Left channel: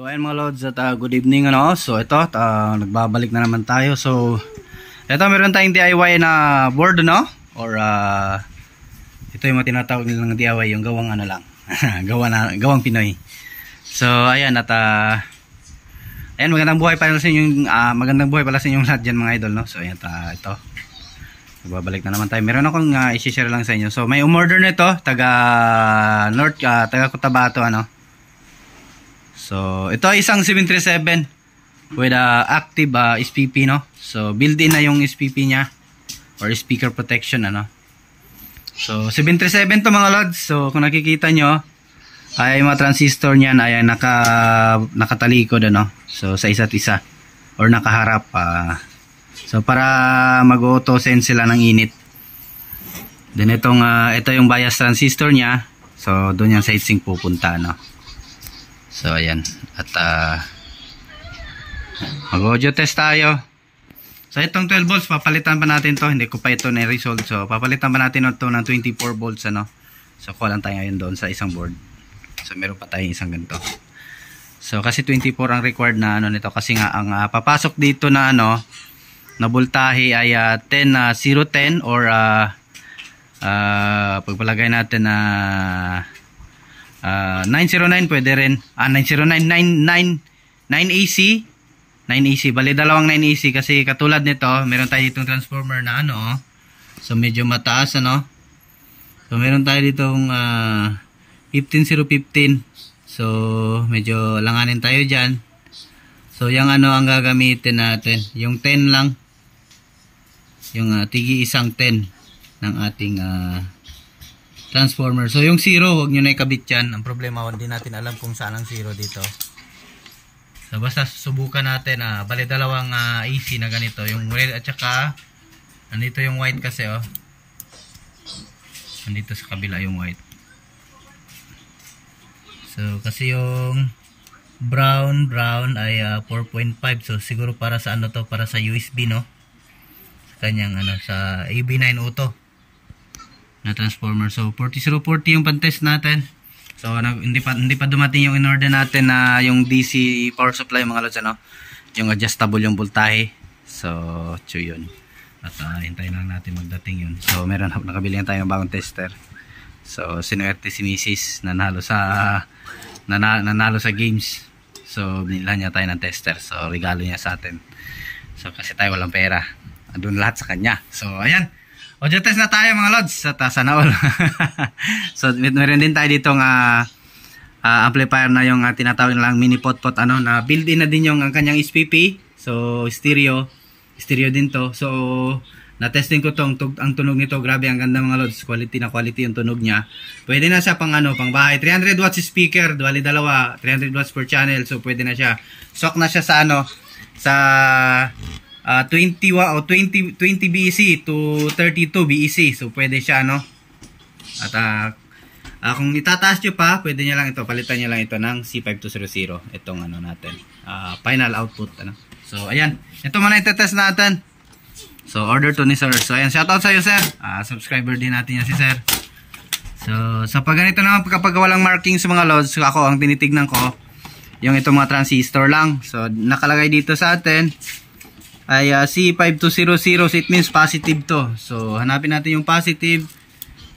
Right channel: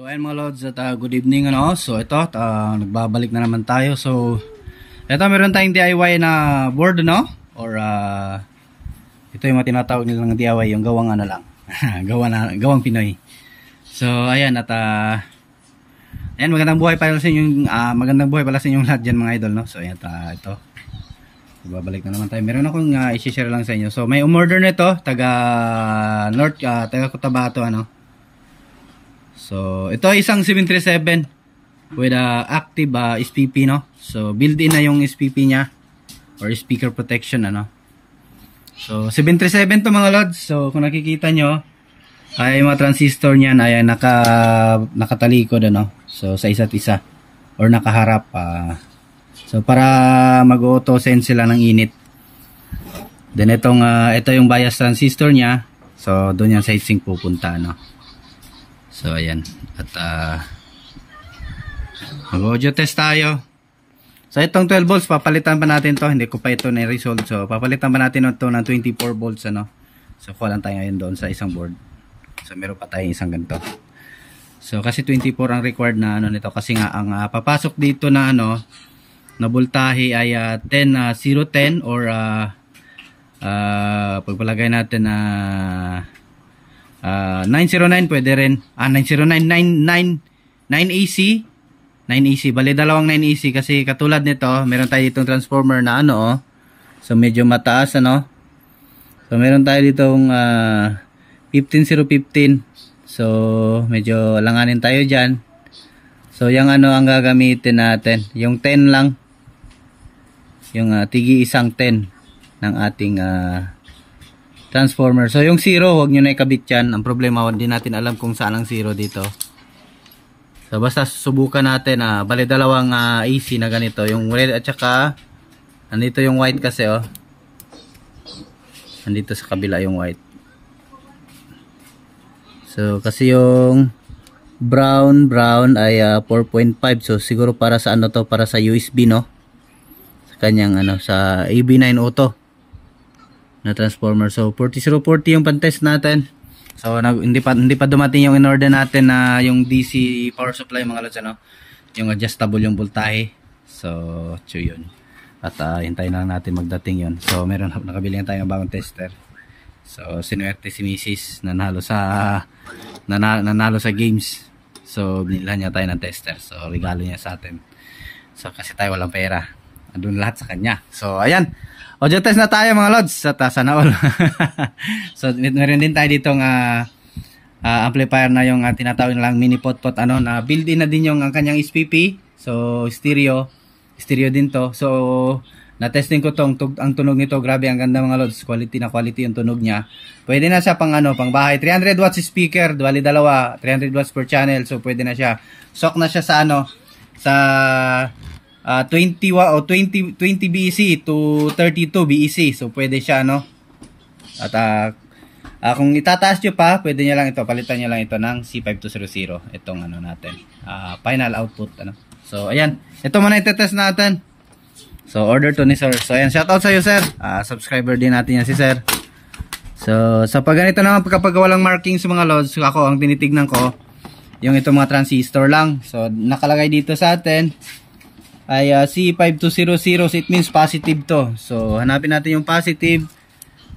So ayun mga lods at good evening ano. So ito nagbabalik na naman tayo. So ito meron tayong DIY na board no or ito yung mga tinatawag nilang DIY, yung gawang ano lang. gawang Pinoy. So ayan at ayan, magandang buhay pala sa inyong lahat diyan mga idol no. So ayan ito. Nagbabalik na naman tayo. Meron akong i-share lang sa inyo. So may umorder nito taga North taga Cotabato ano. So ito isang 737 with active SPP no. So built-in na yung SPP niya or speaker protection ano. So 737 to mga lods. So kung nakikita nyo ay mga transistor niyan ay nakatalikod ano. So sa isa't isa or nakaharap so para mag-auto sense sila ng init. Then ito yung bias transistor niya. So doon yung side sink pupunta no. So ayan at mag-audio test tayo. So itong 12 volts papalitan pa natin to, hindi ko pa ito na-resolve. So papalitan pa natin ito ng 24 volts ano. So kuha lang tayo ngayon doon sa isang board. So meron pa tayong isang ganito. So kasi 24 ang required na ano nito kasi nga ang papasok dito na ano na voltahe ay 010 or pagpalagay natin na 909 pwede rin 909 9AC bali dalawang 9AC kasi katulad nito meron tayo ditong transformer na ano so medyo mataas ano. So meron tayo ditong 15015 so medyo langanin tayo dyan. So yung ano ang gagamitin natin yung 10 lang yung tigi isang 10 ng ating transformer. So yung 0 huwag nyo na ikabit yan. Ang problema hindi natin alam kung saan ang 0 dito. So basta subukan natin bali dalawang AC na ganito yung red at saka andito yung white kasi andito sa kabila yung white. So kasi yung brown ay 4.5 so siguro para sa ano to para sa USB no sa kanyang ano sa AB9 auto na transformer. So 40040 yung pan-test natin. So hindi pa dumating yung in-order natin na yung DC power supply mga lods ano. Yung adjustable yung voltahe. So yun. At hintayin lang natin magdating yun. So nakabili na tayo ng bagong tester. So sinuwerte si Mrs. nanalo sa games. So binilhan niya tayo ng tester. So regalo niya sa atin. So kasi tayo walang pera. Andun lahat sa kanya. So ayan. Audio test na tayo mga lods at sana all. So meron din tayo ditong amplifier na yung tinatawag nilang mini pot ano na built-in na din yung kanyang SPP. So stereo din to. So na-testing ko ang tunog nito, grabe ang ganda mga lods. Quality yung tunog niya. Pwede na siya pang bahay. 300 watts speaker, bali dalawa, 300 watts per channel. So pwede na siya. Sok na siya sa sa 20 BEC to 32 BEC. So pwede siya at kung itataas nyo pa, pwede nyo lang ito, palitan nyo lang ito ng C5200 itong natin final output So ayan, ito muna itetest natin. So order to ni sir. So ayan, shoutout sa iyo sir. Subscriber din natin yan si sir. So sa pag ganito naman kapag walang markings mga loads, ako ang tinitignan ko yung itong mga transistor lang. So nakalagay dito sa atin ay C5200, so it means positive to. So hanapin natin yung positive.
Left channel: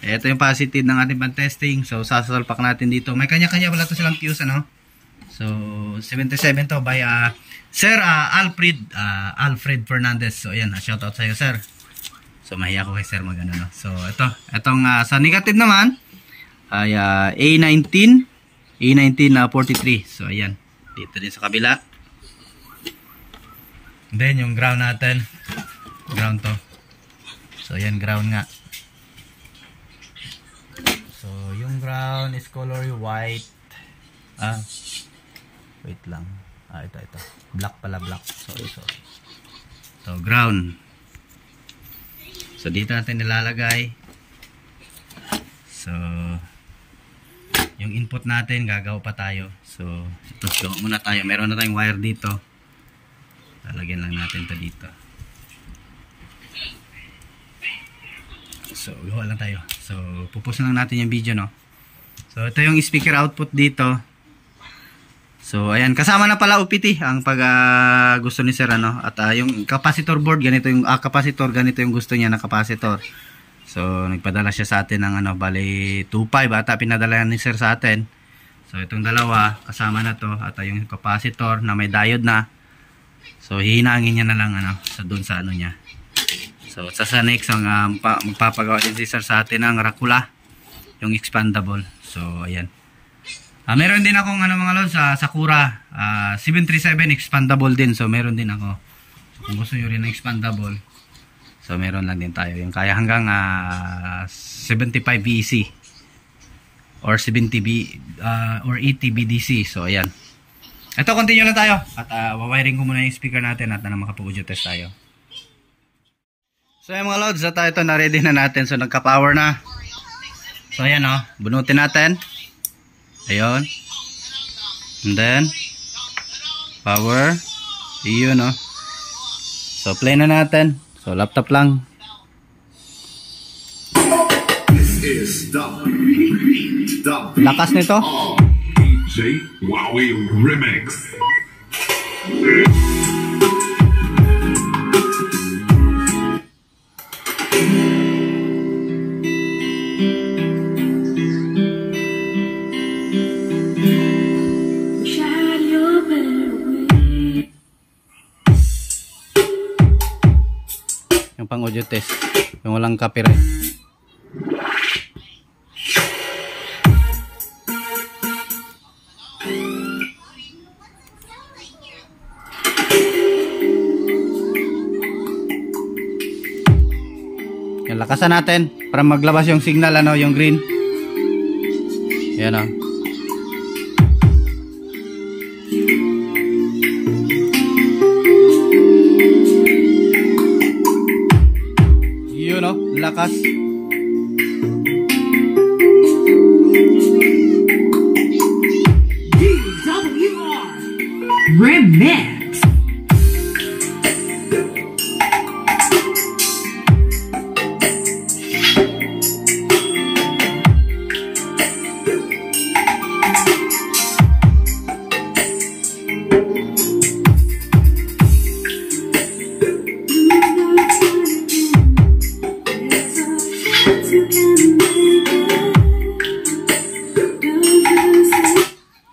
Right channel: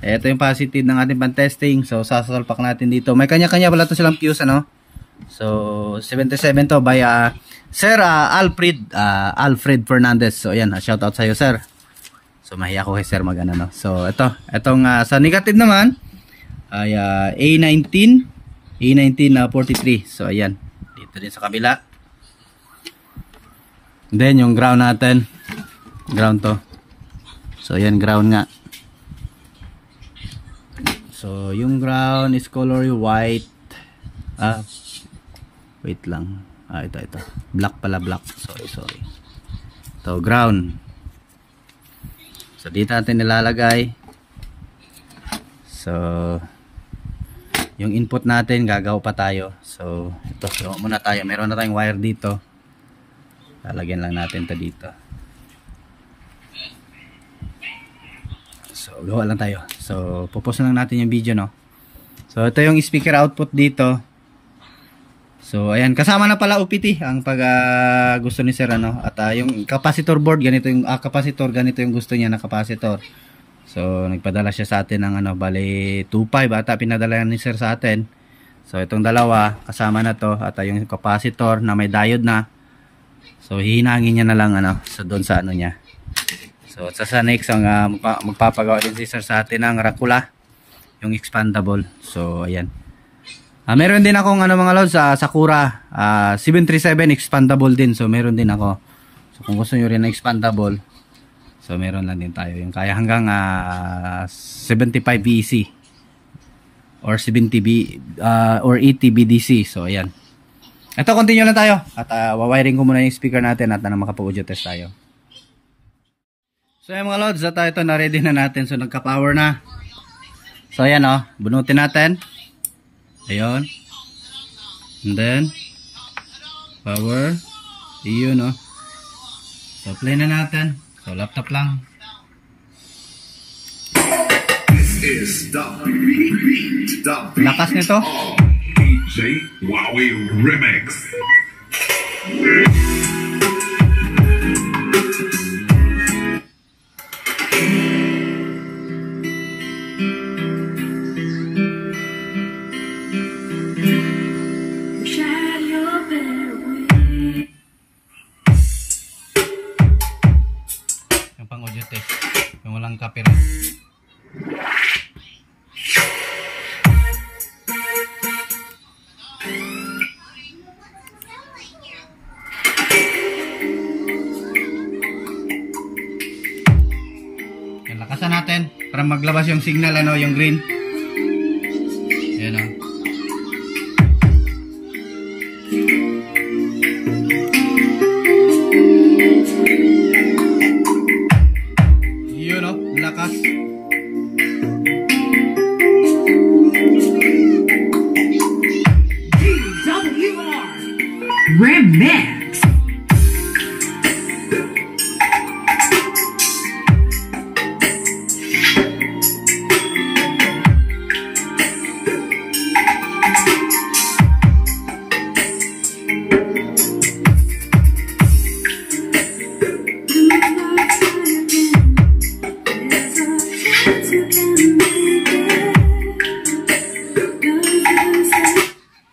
Ito yung positive ng ating pan-testing. So sasalpak natin dito. May kanya-kanya pala to silang fuse So 77 to by Sir Alfred Fernandez. So ayan, shout out sa iyo sir. So mahiya ko kay sir So itong sa negative naman ay A19 43. So ayan, dito din sa kabila. Then yung ground natin, ground to. So ayan, ground nga. So yung ground is color white. Wait lang. Ito. Black pala, black. Sorry. So ground. So dito natin nilalagay. So yung input natin gagawa pa tayo. So ito, muna tayo. Meron na tayong wire dito. Lalagyan lang natin ito dito. So gawa lang tayo. So pupos lang natin yung video So ito yung speaker output dito. So ayan, kasama na pala OPT ang pag gusto ni sir ano, at yung capacitor board ganito yung capacitor, ganito yung gusto niya na capacitor. So nagpadala siya sa atin ng ano, bali 2.5 ata pinadala ni sir sa atin. So itong dalawa kasama na to, at yung capacitor na may diode na. So hihinangin niya na lang ano, sa doon sa ano niya. So sa next ang magpapagawa din si sir sa atin ng Rakula, yung expandable. So ayan. Meron din akong ano mga lods sa Sakura 737 expandable din. So meron din ako. So kung gusto niyo rin ng expandable, so meron lang din tayo. Yung kaya hanggang 75 VEC or 70 or 80 BDC. So ayan. Ito, continue lang tayo. At wawiring ko muna yung speaker natin at makapag-audio test tayo. So ayan mga lods, at ito na ready na natin. So nagka-power na. So ayan bunutin natin. Ayun. And then power. Iyon So play na natin. So laptop lang. Lakas nito. DJ Wowie Remix. Yung pang audio test, yung walang copyright. Yung lakasan natin para maglabas yung signal yung green. Yan lakas. DWR Remix.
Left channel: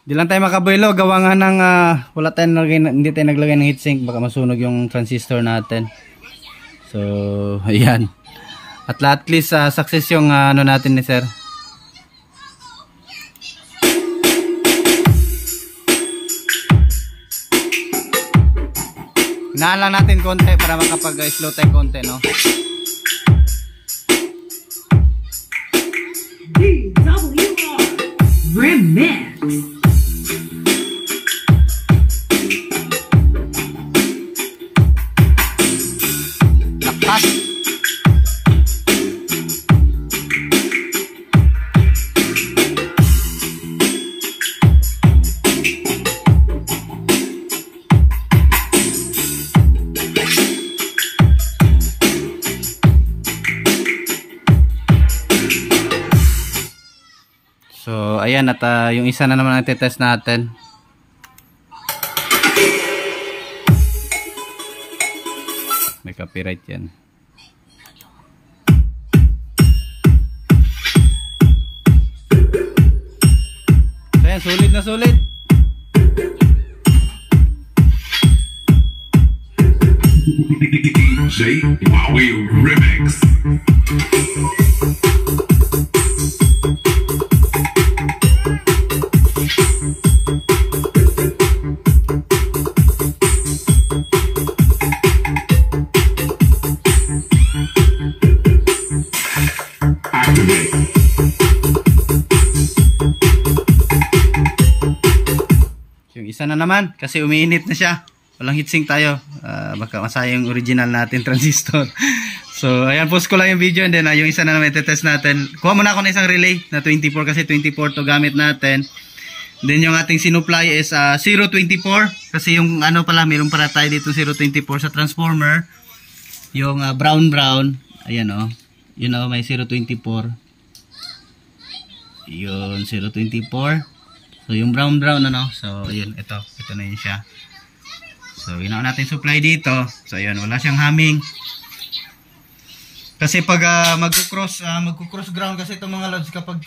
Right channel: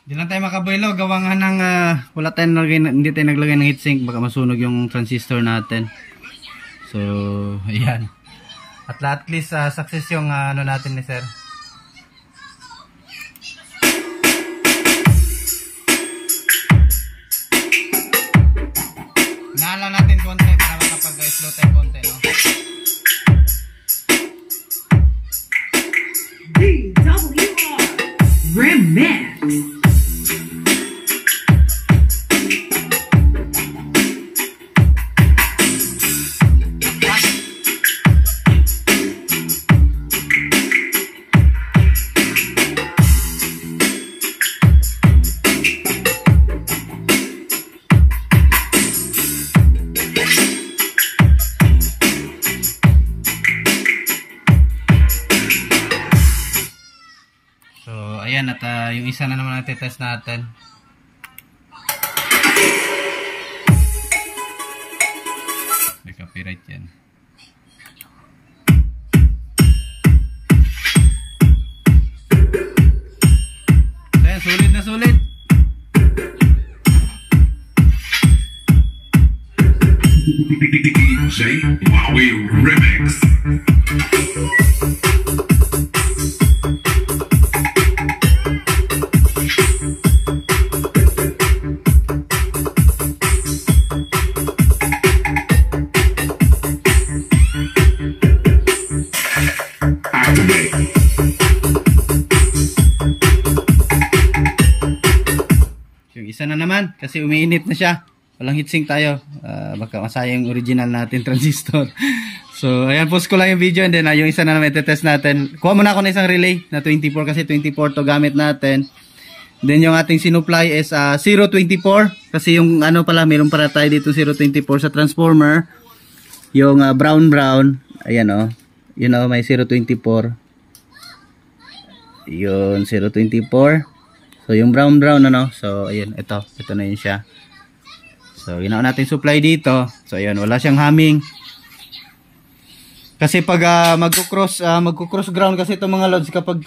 Di lang tayo makabuelo, gawa nga ng wala tayong hindi tayo naglagay ng heatsink, baka masunog yung transistor natin. So ayan, at least success yung ano natin ni sir. Hinaan lang natin konti para makapag-slow tayo konti, no? DWR Remix. So ayan, at yung isa na naman ang test natin. May copyright yan. Ayan, sulit na sulit. DJ Wowie Remix. Yung isa na naman kasi umiinit na siya. Walang heatsink tayo. Baka masayang yung original natin transistor. So ayan, post ko lang yung video, and then yung isa na naman itetest natin. Kuha muna ako ng isang relay na 24 kasi 24 to gamit natin. Then yung ating sinupply is 024 kasi yung ano pala, meron para tayo dito 024 sa transformer. Yung brown. Ayan yun may 024. Yun 024. So So yung brown ano. So ayun, ito na yun siya. So ginawa natin supply dito. So ayun, wala siyang humming. Kasi pag magko-cross ground kasi itong mga loads kapag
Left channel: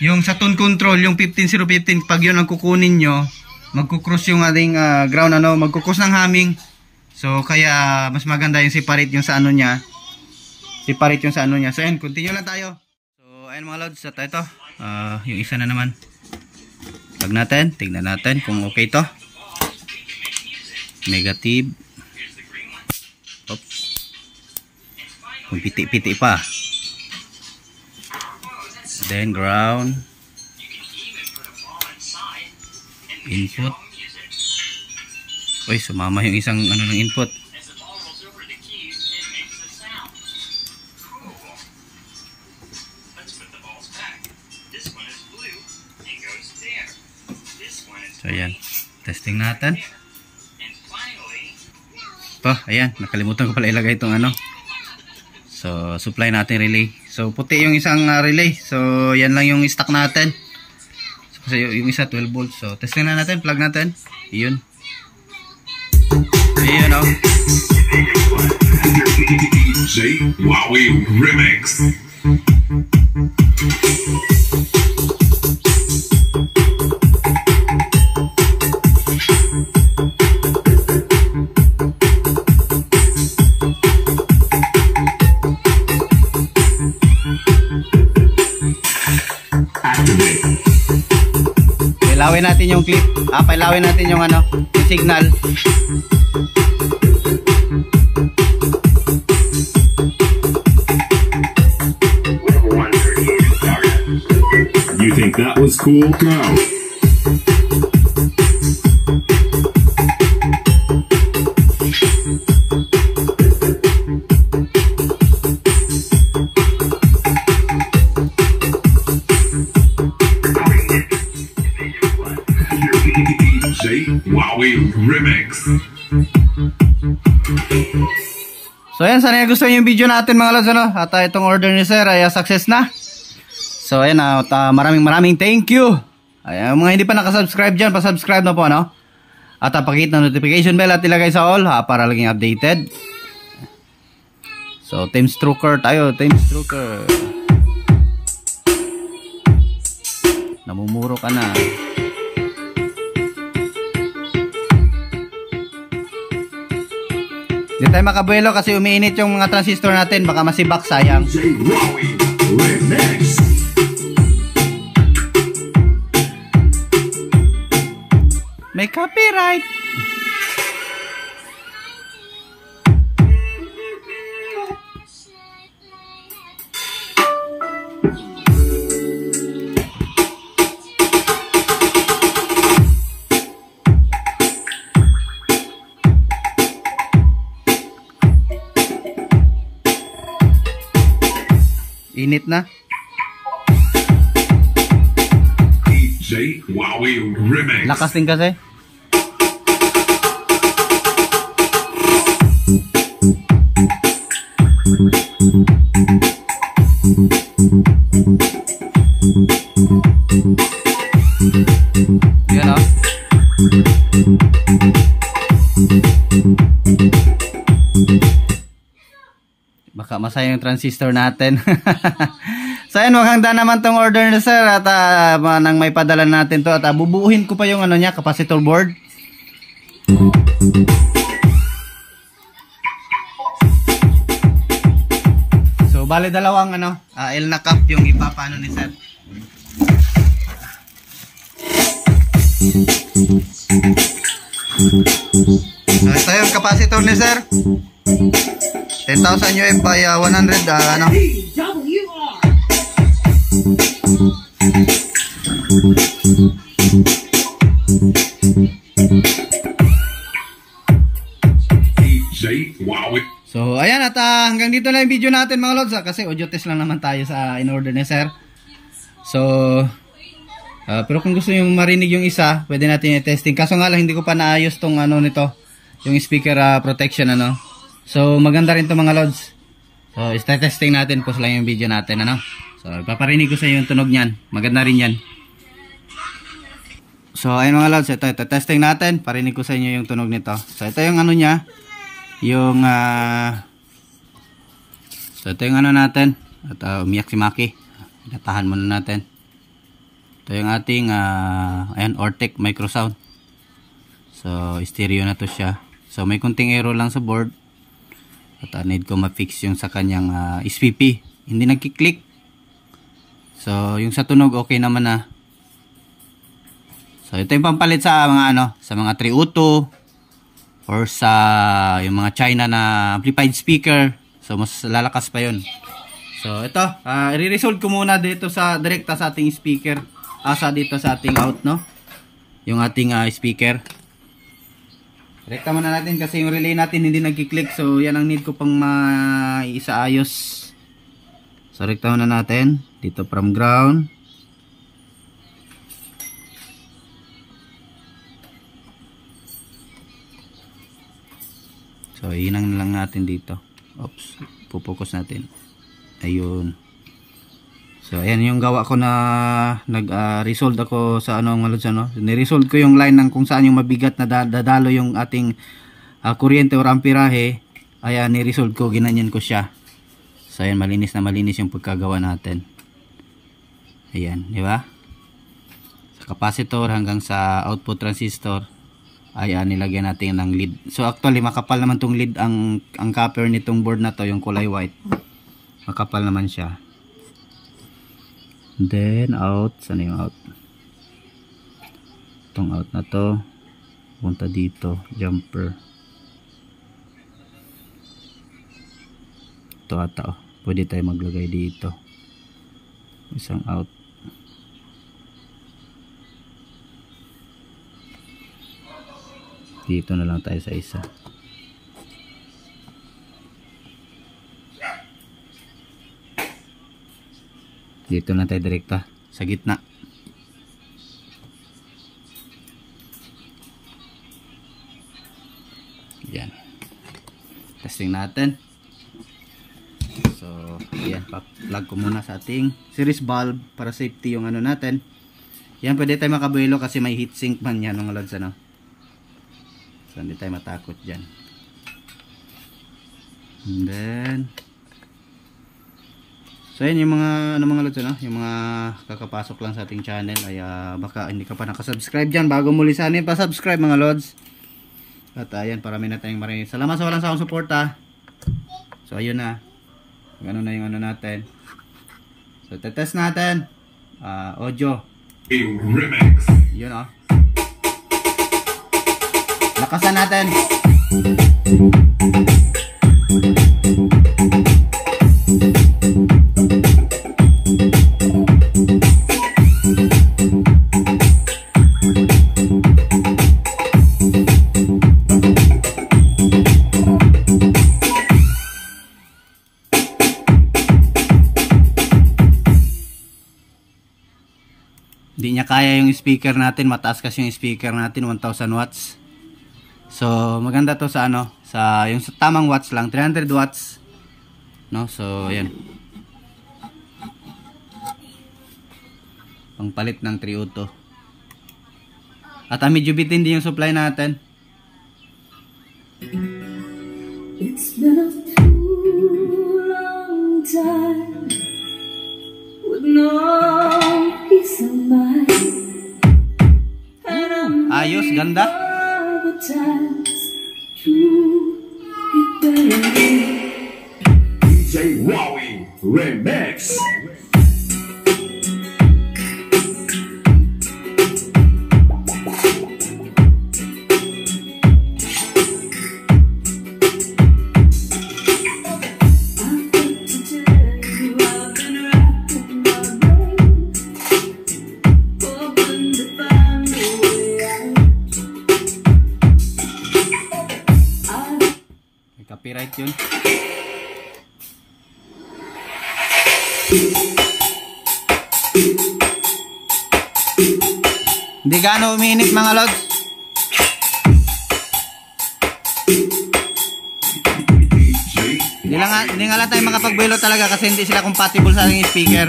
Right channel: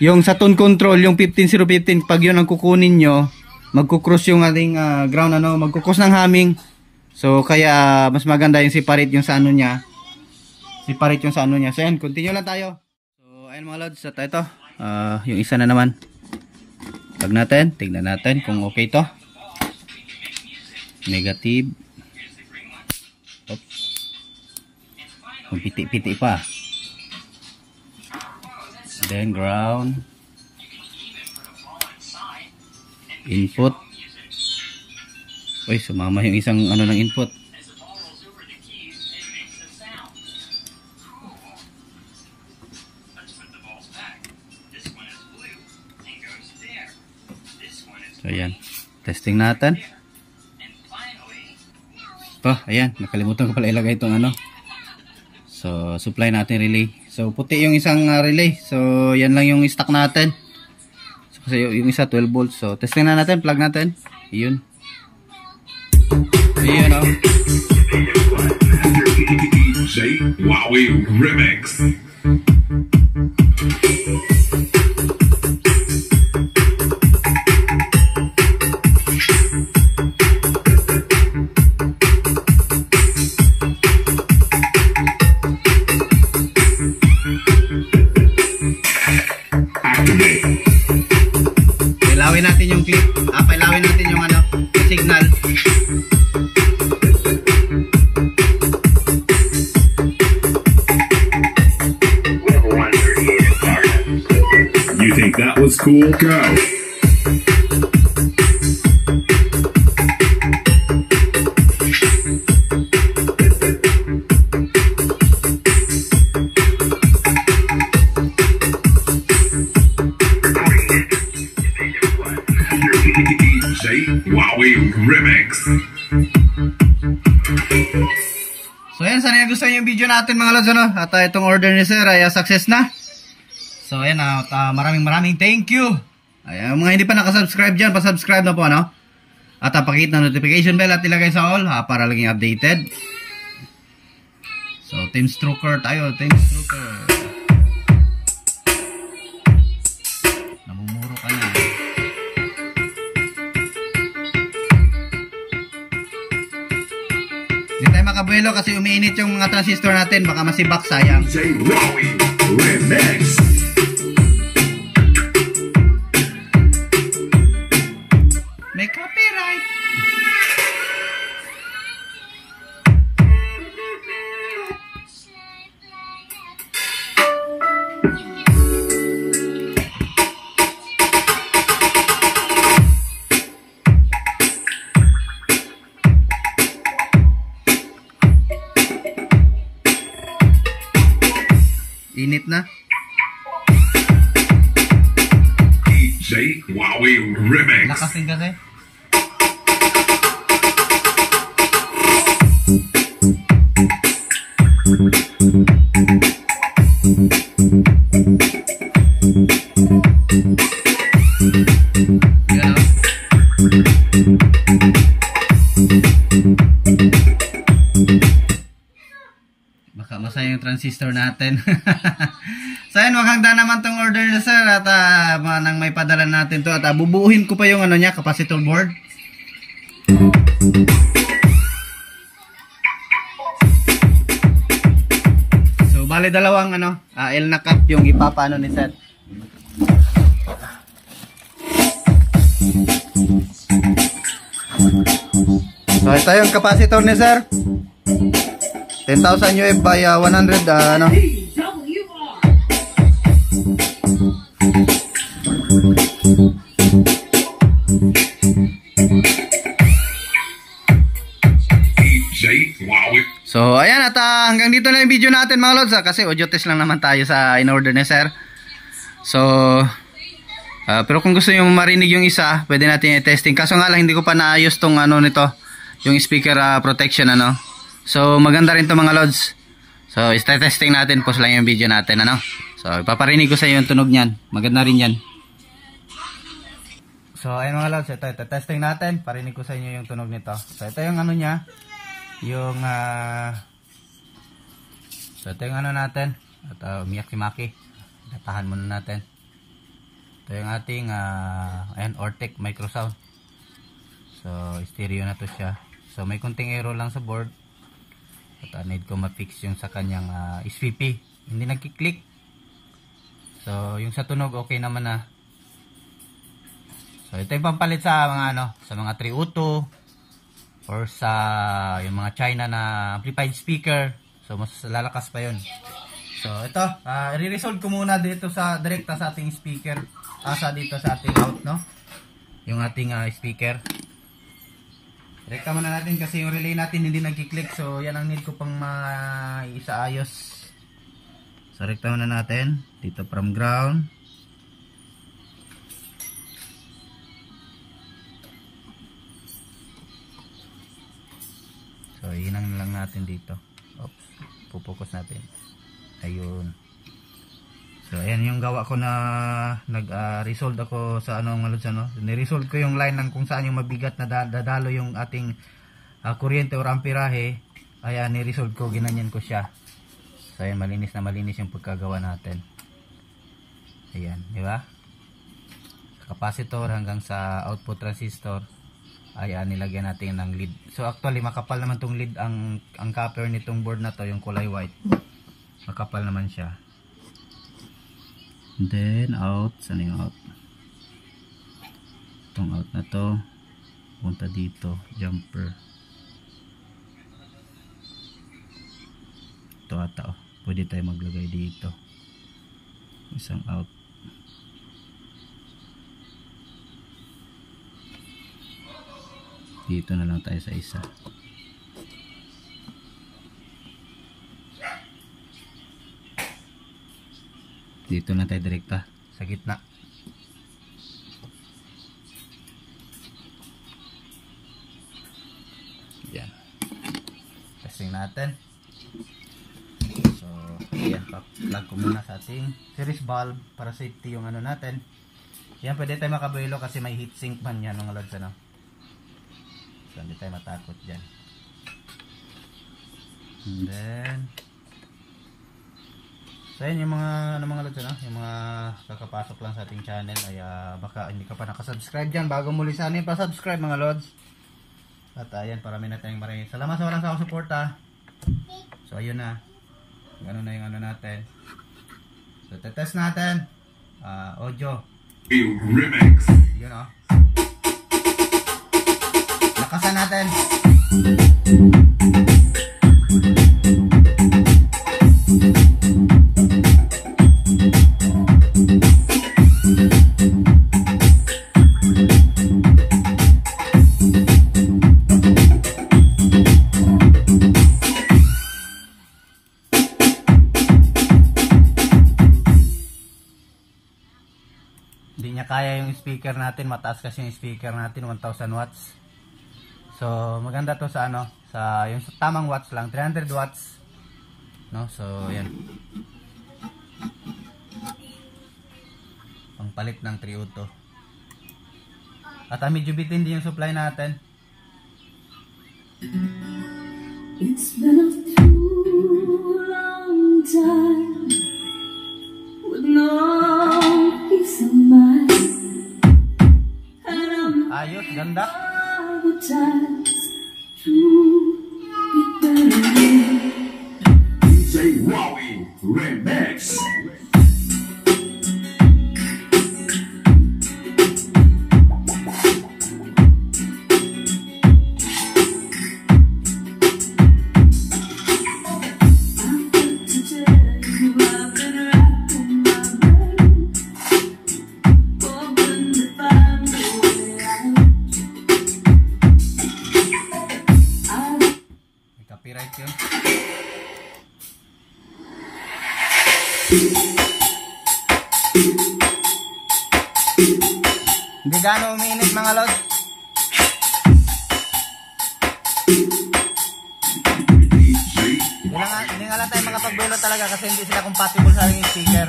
yung sa tone control, yung 15015, pag yun ang kukunin nyo, magko-cross yung ating ground ano, magko-cross ng humming. So kaya mas maganda yung separate yung sa ano niya. Separate yung sa ano niya. So ayan, continue lang tayo. So ayan mga loads, at ito yung isa na naman. Pag natin, tignan natin kung okay to. Negative. Oops. Kung piti-piti pa. Then ground. Input. Uy, sumama yung isang ano ng input. So ayan, testing natin. Ayan, nakalimutan ko pala ilagay itong ano. So supply natin relay. So puti yung isang relay. So yan lang yung stock natin. So, kasi yung isa 12 volts. So testing na natin, plug natin. Iyon. Ayan o. DJ Wowie Remix. Pailawin natin yung clip. Pailawin natin yung ano, signal. You think that was cool? Go. DJ Wowie Remix. So ayan, sana gusto nyo yung video natin mga lods ano? At itong order ni sir ay success na. So ayan, maraming thank you. Ayan, mga hindi pa nakasubscribe dyan, pasubscribe na po ano. At pakita ng notification bell at ilagay sa all para laging updated. So Team Strucker tayo, Team Strucker. Namumuro ka na. Hindi tayo makabuelo kasi umiinit yung mga transistor natin. Baka masibak, sayang. DJ Wowie Remix. May copyright. Init na. DJ Wowie Remix. Lakas din kasi. Yan o. Baka masaya yung transistor natin. So ayun, maganda naman tong order na sir. At nang may padala natin to. At bubuuhin ko pa yung ano niya, capacitor board. So bali dalawang ano, L na cap yung ipapano ni sir. So ito yung capacitor ni sir. 10,000 UF by 100 ano. DJ Wowie. So ayan, at hanggang dito na yung video natin mga lods kasi audio test lang naman tayo sa in-order ni sir. So pero kung gusto nyo marinig yung isa, pwede natin i-testing. Kaso nga lang hindi ko pa naayos tong ano nito, yung speaker protection ano. So maganda rin to mga lods. So i-testing natin, post lang yung video natin ano. So ipaparinig ko sa iyo yung tunog niyan. Maganda rin yan. So ayun mga lods, ito testing natin. Parinig ko sa inyo yung tunog nito. So ito yung ano niya, yung so ito yung ano natin. At umiyak si Maki. Natahan muna natin. Ito yung ating ayan, Ortec Microsound. So stereo na to siya. So may kunting error lang sa board. At need ko ma-fix yung sa kanyang SPP. Hindi nagki-click. So yung sa tunog okay naman na. So ito yung pampalit sa mga ano, sa mga 302 or sa yung mga China na amplified speaker. So mas lalakas pa yun. So ito, i-resolve ko muna dito sa direkta sa ating speaker. Dito sa ating out, no? Yung ating speaker. Direkta muna natin kasi yung relay natin hindi nagki-click. So yan ang need ko pang maisaayos. So direkta muna natin dito from ground. So inang lang natin dito. Oops, pupokus natin. Ayun. So ayan yung gawa ko na nag-resolve ako sa ano mga lods, ano. Ni-resolve ko yung line ng kung saan yung mabigat na dadalo yung ating kuryente o amperahe. Ayan, ni-resolve ko, ginanyan ko siya. So ayan, malinis na malinis yung pagkagawa natin. Ayan, di ba? Sa capacitor hanggang sa output transistor ay nilagyan natin ng lead. So actually makapal naman tong lead, ang copper nitong board na to, yung kulay white. Makapal naman siya. Then out, saan yung out? Itong out na to punta dito, jumper. Ito ata, pwede tayo maglagay dito isang out. Dito na lang tayo sa isa. Dito na tayo direkta sa gitna. Yan. Testing natin. So, yan. Pa-plug ko muna sa ating series valve para safety yung ano natin. Yan, pwede tayo makabuelo kasi may heatsink man yan mga lods, ano. So, hindi tayo matakot dyan. And then so yun yung mga ano mga lods, ano, yung mga kakapasok lang sa ating channel ay baka hindi ka pa nakasubscribe dyan, bago muli sana pa-subscribe mga lods. At ayan, parami na tayong maraming salamat sa walang sawang suporta. So ayun na, ano na yung ano natin. So tetest natin audio Remix. yun, oh. Lakasan natin. Hindi niya kaya yung speaker natin, mataas kasi yung speaker natin, 1000 watts. So maganda to sa ano, sa yung sa tamang watts lang, 300 watts, no? So ayan, pangpalit ng 302. At medyo bitin din yung supply natin. It's been a too long time with no peace of mind, and I'm Ayos, ganda. the times to get better. DJ Wowie Remix. Copyright yun. Hindi gaano umiinit mga lods. Hindi nga lang tayo makapagbuelo talaga kasi hindi sila compatible sa ating speaker.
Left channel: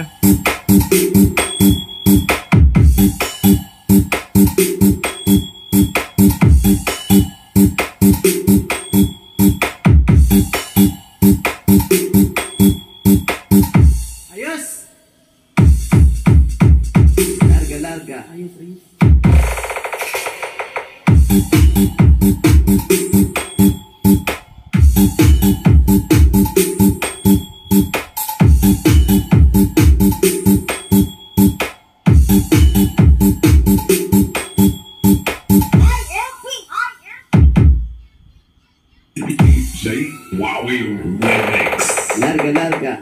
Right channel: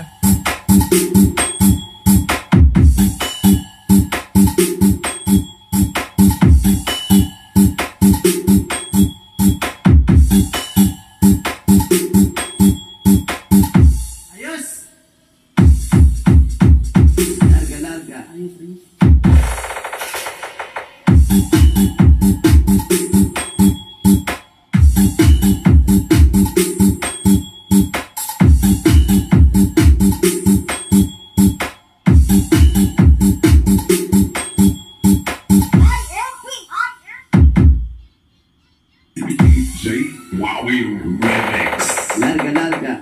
W Remix. Larga, larga.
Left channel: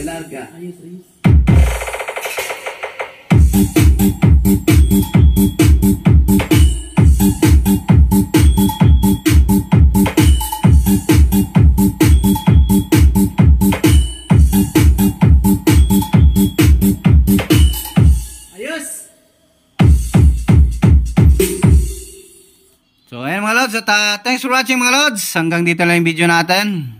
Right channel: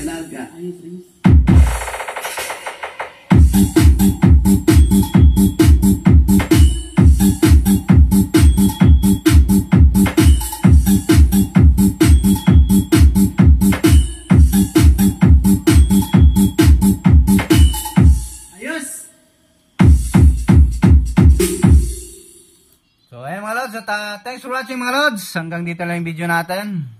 Larga. Ayos, Riz. Ayos. So ayan mga lods, at thanks for watching mga lods. Hanggang dito lang yung video natin.